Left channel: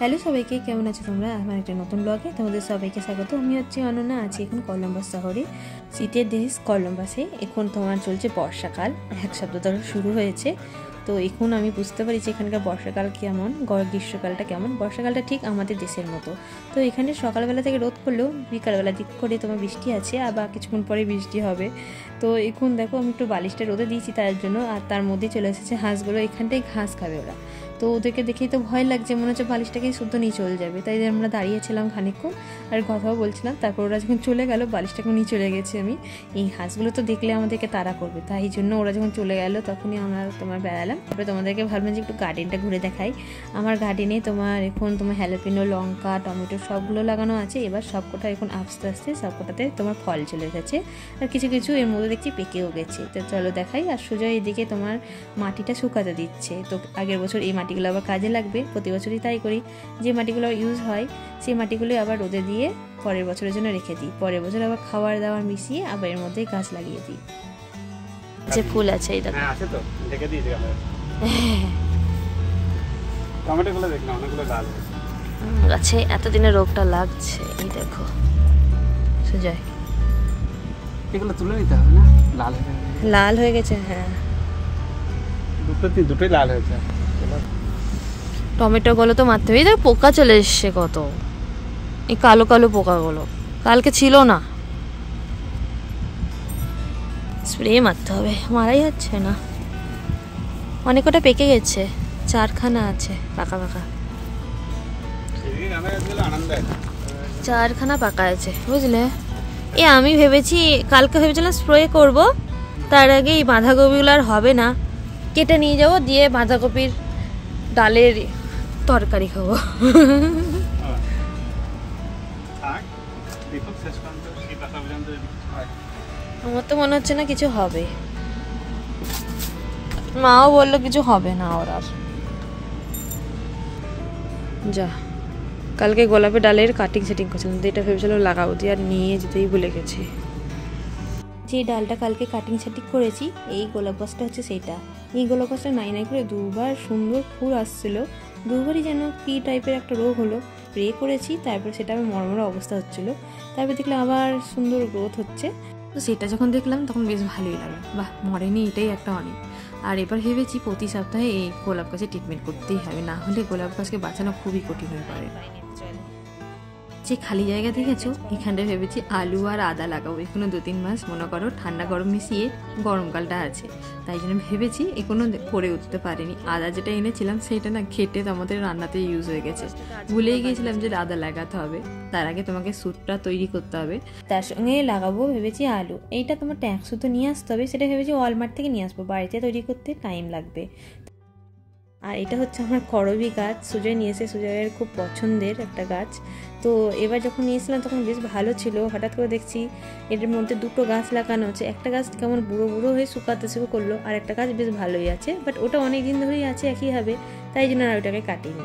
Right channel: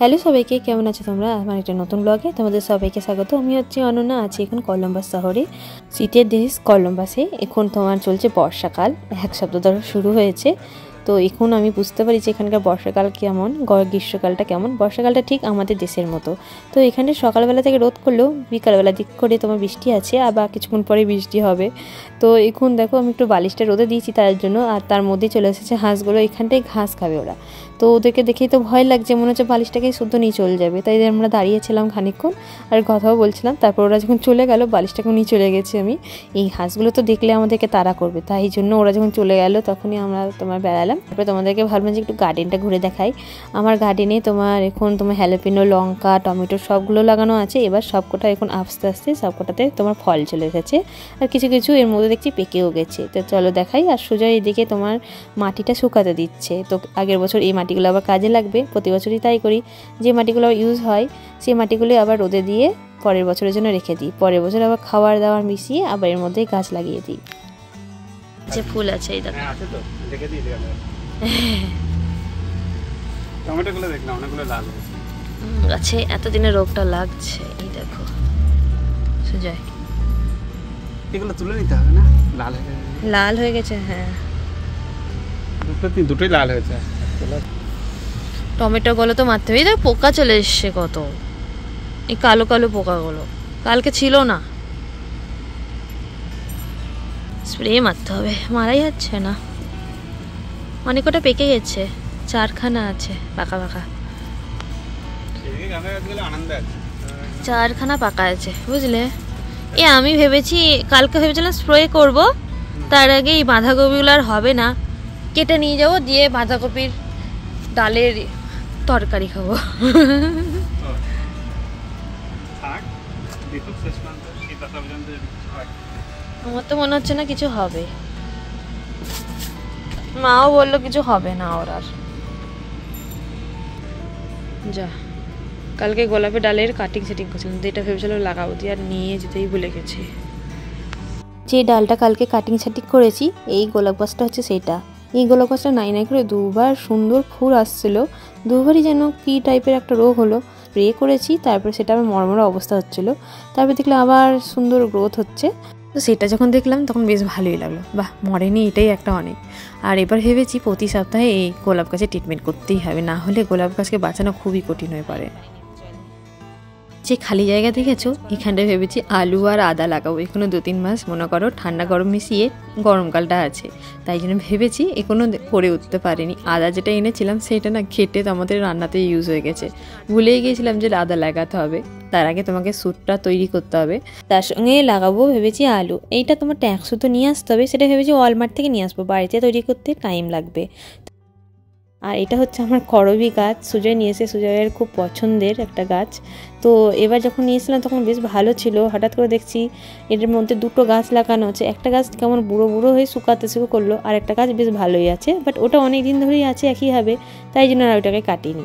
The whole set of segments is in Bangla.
হ্যালো সবাইকে, কেমন আছো তোমরা? আমার একটা নতুন ব্লগে তোমাদের সবাইকে স্বাগত। আমি হচ্ছি অনন্যা, আছি এখন কলম্বাস শহরে, সিটির দেশ কলম্বাসে। এখন তোমার চলছে বর্ষাকাল, এক সপ্তাহ ধরে শুরু হয়েছে। তো এখন আমি বুঝতে পারি যে এখানকার বর্ষাকাল কেমন, গ্রীষ্মকালটা কেমন। বর্ষাকালটা ঠিক আমাদের দেশের মতো। তো এখানে সকালবেলা থেকে রোদ করলেও বিকালবেলা দিক করে তোমার বৃষ্টি আছে, আবার কিছুক্ষণ পরে বৃষ্টি হবে। তো এখন দেখো আমি একটু বালিশটা রোদে দিয়েছি তার জন্য, আর তার মধ্যেই চলে এসেছে হাঁসগুলো। এখানটাই ঘাস খাবে ওরা। তো ওদেরকে দেখেই তো ভয় লাগছে, মনে হচ্ছে বালিশটাকেই শুদ্ধ নিয়ে চলে যাবে। তাই আমরা দাঁড়িয়েছিলাম খানিকক্ষণ আর কথাও বলছিলাম। তারপর ওরা যখন চলে গেল, বালিশটাকে নিয়ে চলে গেছি আমি। এই হাঁসগুলো তো দেখলে আমাদেরকে তাড়া করবে, তাই জন্য ওরা যখন চলে গেল তখনই আমরা তোমার বেড়ালাম। তারপরে তোমাদেরকে ভাবলাম যে একটু গার্ডেনটা ঘুরে দেখাই। আমার গার্ডেনে তোমার এখন তোমার হ্যালোপিনো, লঙ্কা, টমেটো সবগুলো লাগানো আছে। এবার সবকটা এখন আস্তে আস্তে সবকটাতে তোমার ফল চলে এসেছে, আর কিছু কিছু এর মধ্যে দেখছি পেকেও গেছে। তো চলো দেখাই। আর সুজয় এদিকে তোমার মাটিটা শুকাতে দিচ্ছে। তো আগের বছর এই মাটিগুলো আবার কাজে লাগবে, প্রতি বছরই তাই করি। যে মাটিগুলো ইউজ হয় সেই মাটিগুলো আবার রোদে দিয়ে পরের বছরের জন্য রেখে দিই। পরের বছর আবার খাবার দাবার মিশিয়ে আবার এর মধ্যে গাছ লাগিয়ে দিই। যে ফুল আছে এই দেখো, টমেটোগুলো দেখলাম অনেকগুলো লাল গাছে এতদিনে রোগটা লাগছে। এই দেখো সুজয়, এগুলো তুলে নিতে হবে না? লাল হয়ে গেছে। হ্যাঁ, দুটোই লাল হয়েছে। টমেটো গুলো তো মারতে হবে। দেখ পোকা চলে এসছে কত, এই কালো কালো পোকাগুলো কালকে ছিল না। স্প্রে মারতে হবে, মারাই যাচ্ছে না। অনেক কটা পেকে গেছে, 4খানা আছে পাকা পাকা, 4খানা পাকা আছে বুঝলে। আমি ভেবেছি কালকে ভেবেছিলাম স্প্রে করব, তার আগে এই বাঁধাকপিগুলো আর হবে না, কেটে নিয়ে যাবো, দিয়ে বাঁধাকপির ডালের তরকারি খাবো। আমার তো মনে হচ্ছে না কিছু হবে। মাও বললো কিছু হবে না ওর আর। যা, কালকে গোলাপের ডালের কাটিং সেটিং করছিলাম, যেটা ভেবেছিলাম লাগাবো, দিয়ে আর নিয়ে যেতেই ভুলে গেছি। যে ডালটা কালকে কাটিং সেটিং করেছি, এই গোলাপ গাছটা হচ্ছে সেইটা। এই গোলাপ গাছটা নাই নাই করে দুবার সুন্দর ফুল আসছিল, দুবারই যেন কী টাইপের একটা রোগ হলো। স্প্রে করেছি, তারপর সেটা আমার মরমরা অবস্থা হচ্ছিলো। তারপর দেখলাম আবার সুন্দর গ্রোথ হচ্ছে। তো সেটা যখন দেখলাম তখন বেশ ভালোই লাগলো, বাহ মরেনি, এটাই একটা অনেক। আর এবার ভেবেছি প্রতি সপ্তাহে এই গোলাপ গাছে ট্রিটমেন্ট করতেই হবে, না হলে গোলাপ গাছকে বাঁচানো খুবই কঠিন হয়ে পড়ে। যে খালি জায়গা দেখেছো, এখানটায় ভেবেছি আলু আর আদা লাগাবো। এখনো 2-3 মাস মনে করো ঠান্ডা গরম মিশিয়ে গরমকালটা আছে, তাই জন্য ভেবেছি এখনো করে উঠতে পারিনি। আদা যেটা এনেছিলাম সেটা না ঘেটে আমাদের রান্নাতে ইউজ হয়ে গেছে, ভুলেই গিয়েছিলাম যে আদা লাগাতে হবে। তার আগে তোমাকে স্যুপটা তৈরি করতে হবে, তার সঙ্গে লাগাবো ভেবেছি আলু। এইটা তোমার ট্যাক্সও তো নিয়ে আসতে হবে, সেটা ভেবেছি ওয়ালমার্ট থেকে নিয়ে আসবো, বাড়িতে তৈরি করতে টাইম লাগবে। আর এটা হচ্ছে আমার করবি গাছ, সুজয় নিয়ে এসে, সুজয়ের খুব পছন্দের একটা গাছ। তো এবার যখন নিয়েছিলাম তখন বেশ ভালো ছিল, হঠাৎ করে দেখছি এটার মধ্যে 2টো গাছ লাগানো হচ্ছে। একটা গাছ কেমন বুড়ো বুড়ো হয়ে শুকাতে শুরু করলো, আর একটা গাছ বেশ ভালোই আছে, বাট ওটা অনেক দিন ধরেই আছে একইভাবে, তাই জন্য আর ওটাকে কাটিনি।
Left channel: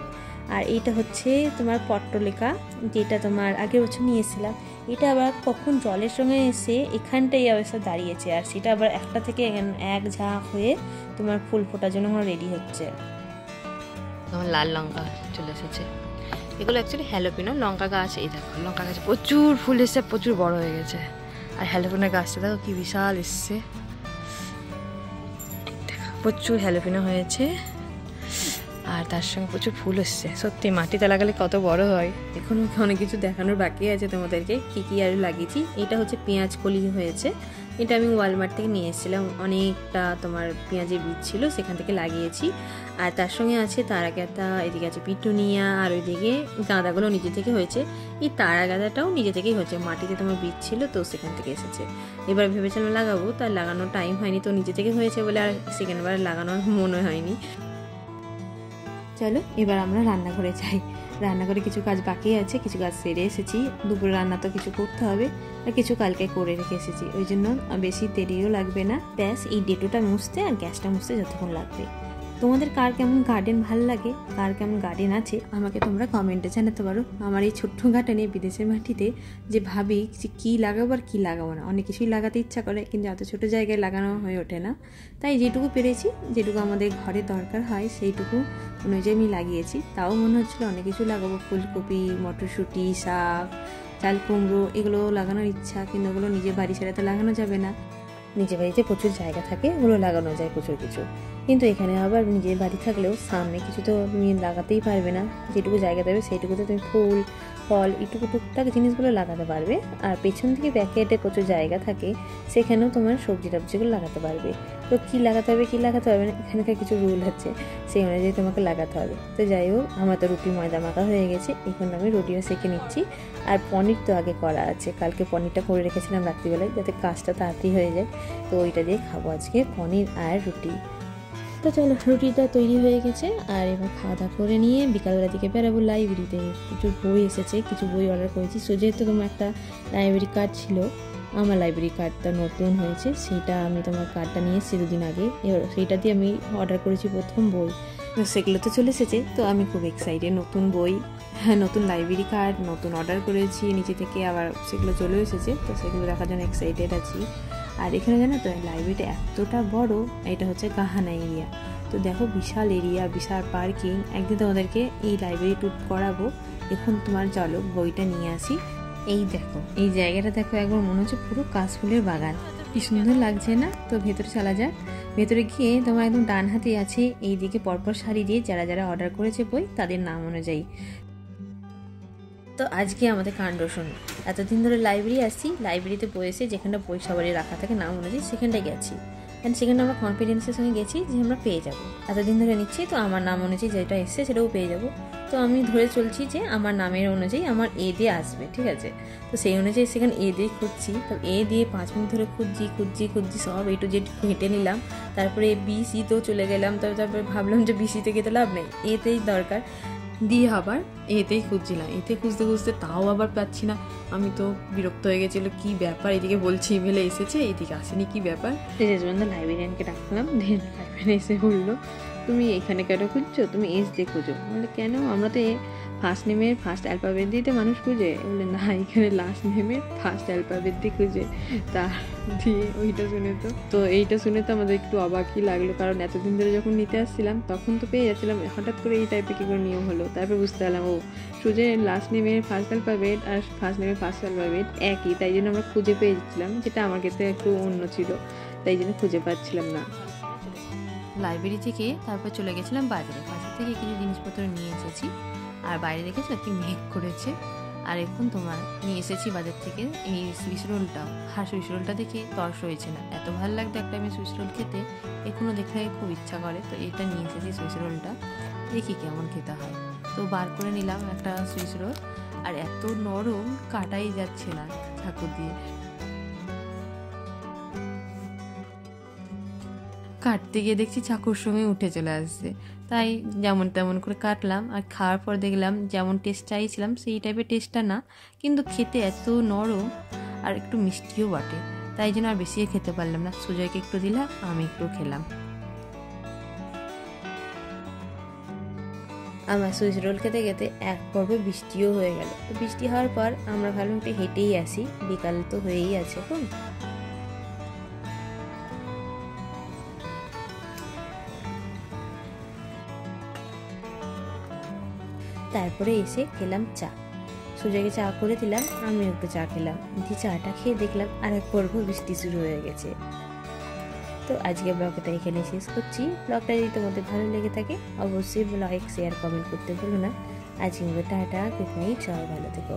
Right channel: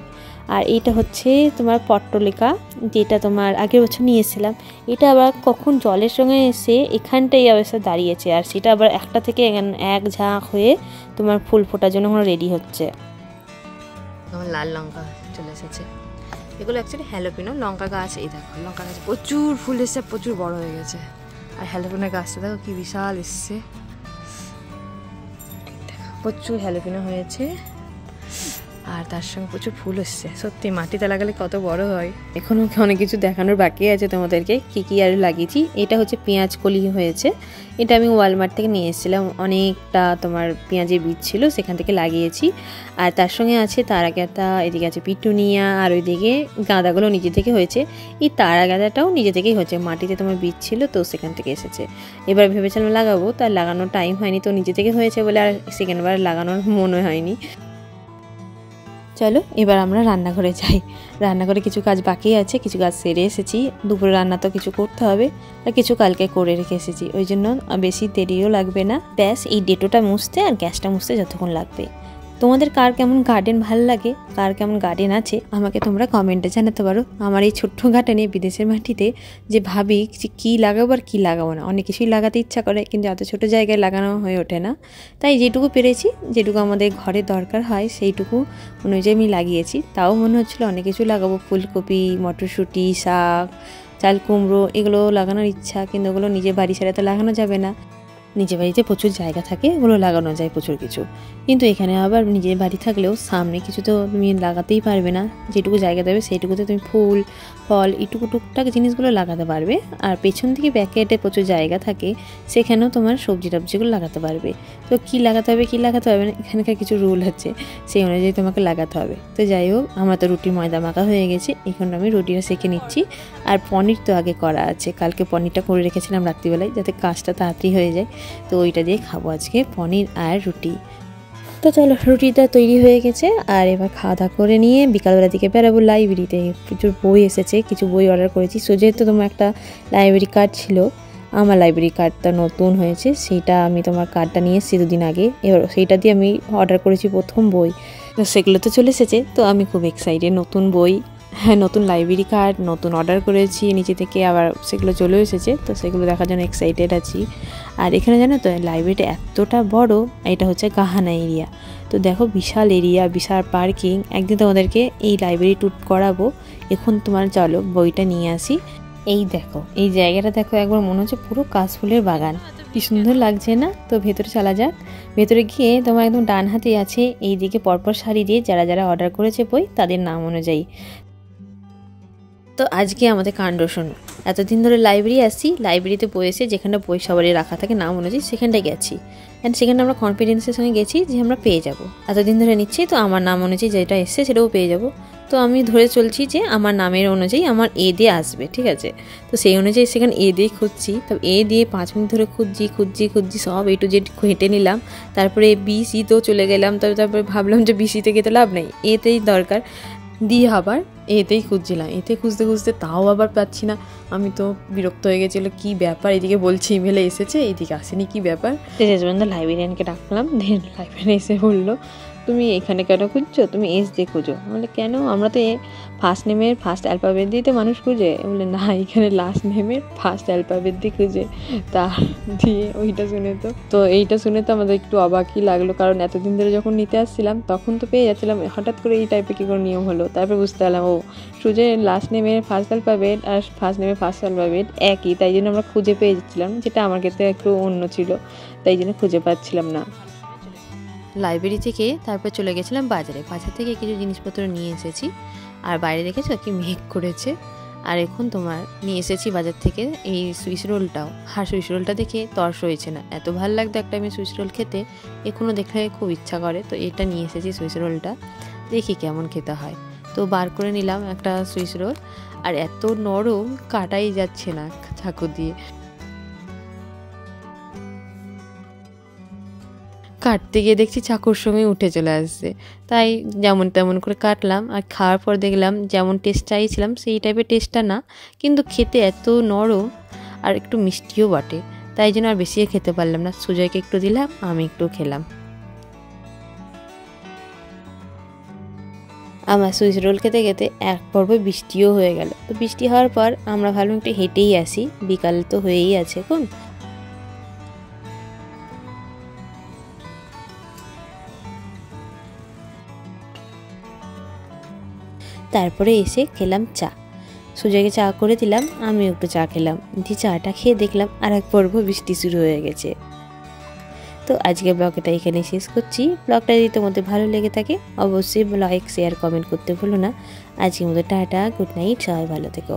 আর এইটা হচ্ছে তোমার পট্টলিকা, যেটা তোমার আগের বছর নিয়ে এসেছিলাম। এটা আবার কখন জলের সঙ্গে এসে এখানটাই অবস্থা দাঁড়িয়েছে, আর সেটা আবার একটা থেকে এক ঝাঁক হয়ে তোমার ফুল ফোটার জন্য রেডি হচ্ছে। আমার লাল লঙ্কা চলে এসেছে, এগুলো অ্যাকচুয়ালি হ্যালোপিনো লঙ্কা গাছ। এই দেখো লঙ্কা গাছে প্রচুর ফুল এসছে, প্রচুর বড় হয়ে গেছে। আর হ্যালোপিনো গাছটা দেখো কি বিশাল এসছে, প্রচুর হ্যালোপিনো হয়েছে, আর তার সঙ্গে প্রচুর ফুল এসছে। সত্যি মাটিতে লাগালে কত বড় হয়। এখনও অনেক কিছু দেখানোর বাকি আছে তোমাদেরকে, কী কী আর লাগিয়েছি। এটা হচ্ছে পেঁয়াজ কলি হয়েছে, এটা আমি ওয়ালমার্ট থেকে নিয়ে এসেছিলাম। অনেকটা তোমার পেঁয়াজের বীজ ছিল, সেখান থেকে লাগিয়েছি। আর তার সঙ্গে আছে তারা গাঁদা, এদিকে আছে পিটুনিয়া, আর ওইদিকে গাঁদাগুলো নিজে থেকে হয়েছে। এই তারা গাঁদাটাও নিজে থেকেই হয়েছে, মাটিতে তোমার বীজ ছিল তো সেখান থেকে এসেছে। এবার ভেবেছিলাম লাগাবো, তার লাগানোর টাইম হয়নি, তো নিজে থেকে হয়েছে বলে আর সেকেন্ডবার লাগানোর মনে হয়নি। চলো এবার আমরা রান্নাঘরে যাই। রান্নাঘরে কিছু কাজ বাকি আছে, কিছু কাজ সেরে এসেছি। দুপুরে রান্না তো কিছু করতে হবে, আর কিছু কালকে করে রেখে এসেছি, ওই জন্য বেশি দেরিও লাগবে না। ব্যাস এই ডেটোটা মুছতে আর গ্যাসটা মুছতে যতক্ষণ লাগবে। তোমাদের কার কেমন গার্ডেন ভালো লাগে, কার কেমন গার্ডেন আছে আমাকে তোমরা কমেন্টে জানাতে পারো। আমার এই ছোট্ট গার্ডেনে বিদেশের মাটিতে যে ভাবি যে কী লাগাবো আর কী লাগাবো না, অনেক কিছুই লাগাতে ইচ্ছা করে কিন্তু এত ছোটো জায়গায় লাগানো হয়ে ওঠে না। তাই যেটুকু পেরেছি, যেটুকু আমাদের ঘরে দরকার হয় সেইটুকু অনুযায়ী আমি লাগিয়েছি। তাও মনে হচ্ছিলো অনেক কিছু লাগাবো, ফুলকপি, মটরশুঁটি, শাক, চাল কুমড়ো, এগুলো লাগানোর ইচ্ছা, কিন্তু ওগুলো নিজের বাড়ি ছাড়া তো লাগানো যাবে না। নিজের বাড়িতে প্রচুর জায়গা থাকে, ওগুলো লাগানো যায় প্রচুর কিছু, কিন্তু এখানে আবার নিজের বাড়ি থাকলেও সামনে কিছু তো তুমি লাগাতেই পারবে না। যেটুকু জায়গা দেবে সেইটুকুতে তুমি ফুল ফল এইটুকু টুকটাক জিনিসগুলো লাগাতে পারবে। আর পেছন দিকে ব্যাকেটে প্রচুর জায়গা থাকে, সেখানেও তোমার সবজি টবজিগুলো লাগাতে পারবে। তো কী লাগাতে হবে কী লাগাতে হবে না, এখানকার কিছু রুল আছে, সেই অনুযায়ী তোমাকে লাগাতে হবে। তো যাই হোক, আমার তো রুটি ময়দা মাখা হয়ে গেছে, এখন আমি রুটিটা সেঁকে নিচ্ছি। আর পনির তো আগে করা আছে, কালকে পনিরটা করে রেখেছিলাম রাত্রিবেলায়, যাতে কাজটা তাড়াতাড়ি হয়ে যায়। তো ওইটা দিয়ে খাবো আজকে, পনির আর রুটি। তো চলো, রুটিটা তৈরি হয়ে গেছে, আর এবার খাওয়া দাওয়া করে নিয়ে বিকালবেলা দিকে বেরাবো লাইব্রেরিতে। কিছু বই এসেছে, কিছু বই অর্ডার করেছি। সো যেহেতু তোমার একটা লাইব্রেরি কার্ড ছিল, আমার লাইব্রেরি কার্ডটা নতুন হয়েছে, সেইটা আমি তোমার কার্ডটা নিয়ে এসেছি 2 দিন আগে। এবার সেইটা দিয়ে আমি অর্ডার করেছি প্রথম বই, তো সেগুলো তো চলে এসেছে। তো আমি খুব এক্সাইটেড, নতুন বই, হ্যাঁ নতুন লাইব্রেরি কার্ড নতুন অর্ডার করেছি নিচে থেকে, আবার সেগুলো চলে এসেছে। তো সেগুলো দেখার জন্য এক্সাইটেড আছি। আর এখানে জানো তো লাইব্রেরিটা এতটা বড়, এটা হচ্ছে গাহানা এরিয়া। তো দেখো বিশাল এরিয়া, বিশাল পার্কিং। একদিন তোমাদেরকে এই লাইব্রেরি ট্যুর করাবো। এখন তোমার চলো বইটা নিয়ে আসি। এই দেখো, এই জায়গাটা দেখো একবার, মনে হচ্ছে পুরো কাশফুলের বাগান, কি সুন্দর লাগছে না? তো ভেতরে চলা যাক। ভেতরে গিয়ে তোমার একদম ডান হাতে আছে এই দিকে পরপর সারি দিয়ে যারা যারা অর্ডার করেছে বই তাদের নাম অনুযায়ী। তো আজকে আমাদের কাণ্ড শোনো। এতদিন ধরে লাইব্রেরি আসছি, লাইব্রেরিতে বই এসে যেখানটা বই সবারই রাখা থাকে নাম অনুযায়ী সেখানটায় গেছি, অ্যান্ড সেখানটা আমরা কনফিডেন্সের সঙ্গে গেছি যে আমরা পেয়ে যাব। এতদিন ধরে নিচ্ছি, তো আমার নাম অনুযায়ী যেটা এসছে সেটাও পেয়ে যাব। তো আমি ধরে চলছি যে আমার নামের অনুযায়ী আমার এ দিয়ে আসবে, ঠিক আছে? তো সেই অনুযায়ী সেখানে এ দিয়ে খুঁজছি। তো এ দিয়ে 5 মিনিট ধরে খুঁজছি, সব A to Z হেঁটে নিলাম। তারপরে BC তেও চলে গেলাম। তারপরে ভাবলাম যে BC-তে গেতে লাভ নেই, এতেই দরকার, দিয়ে আবার এতেই খুঁজছিলাম। এতে খুঁজতে খুঁজতে তাও আবার পাচ্ছি না। আমি তো বিরক্ত হয়ে গেছিলো, কী ব্যাপার, এদিকে বলছে ইমেলে এসেছে, এদিকে আসেনি, কী ব্যাপার। শেষ পর্যন্ত লাইব্রেরিয়ানকে ডাকলাম, দেন লাইব্রেরিয়ান এসে বললো তুমি এখানে কেন খুঁজছো, তুমি এস দিয়ে খুঁজো। বলে কেন, আমরা তো ফার্স্ট নেমের ফার্স্ট অ্যালফাবেট দিয়ে তো মানুষ খুঁজে। বলে না, এখানে লাস্ট নেমের ফার্স্ট অ্যালফাবেট দিয়ে খুঁজে। তা দিয়ে ওইটা শুনে তো এইটা শুনে তো আমাদের একটু অবাকই লাগলো, কারণ এতদিন ধরে যখন নিতে আসছিলাম তখন তো পেয়ে যাচ্ছিলাম, হঠাৎ করে এই টাইপের কী করে নিয়ম হলো। তারপর বুঝতে পারলাম ও সুজের লাস্ট নেমের ফার্স্ট অ্যালফাবেট আর ফার্স্ট নেমের ফার্স্ট অ্যালফাবেট একই, তাই জন্য আমরা খুঁজে পেয়ে যাচ্ছিলাম, যেটা আমার ক্ষেত্রে একটু অন্য ছিল, তাই জন্য খুঁজে পাচ্ছিলাম না। লাইব্রেরি থেকে তারপর চলে গেছিলাম বাজারে, বাজার থেকে কিছু জিনিসপত্র নিয়ে এসেছি। আর বাইরে দেখেছো কি মেঘ করেছে। আর এখন তোমার নিয়ে এসেছি বাজার থেকে এই সুইস রোলটাও। আর সুইস রোলটা দেখে তর্স হয়েছে না, এত ভালো লাগতো একটা আমি সুইস রোল খেতে, এখনও দেখলে খুব ইচ্ছা করে। তো এটা নিয়ে এসেছি সুইস রোলটা, দেখি কেমন খেতে হয়। তো বার করে নিলাম একটা সুইস রোল, আর এত নরম কাটাই যাচ্ছে না চাকু দিয়ে, কাটতে গিয়ে দেখছি চাকুর সঙ্গে উঠে চলে আসছে। তাই যেমন তেমন করে কাটলাম, আর খাওয়ার পর দেখলাম যেমন টেস্ট চাইছিলাম সেই টাইপের টেস্টটা না, কিন্তু খেতে এত নরম আর একটু মিষ্টিও বটে, তাই জন্য আর বেশি খেতে পারলাম না। সুজয়কে একটু দিলাম, আমি একটু খেলাম। আমার সুইস রোল খেতে খেতে এক পর্বে বৃষ্টিও হয়ে গেল। তো বৃষ্টি হওয়ার পর আমরা ভাবলাম একটু হেঁটেই আসি, বিকাল তো হয়েই আছে এখন। তারপরে এসে খেলাম চা, সুজয়কে চা করে দিলাম, আমি একটু চা খেলাম। দিয়ে চাটা খেয়ে দেখলাম আর এক পর্ব বৃষ্টি শুরু হয়ে গেছে। তো আজকে ব্লগটা এখানে শেষ করছি। ব্লগটা যদি তোমাদের ভালো লেগে থাকে অবশ্যই লাইক শেয়ার কমেন্ট করতে ভুলো না। আজকের মতো টাটা, গুড নাইট, সবাই ভালো থেকো।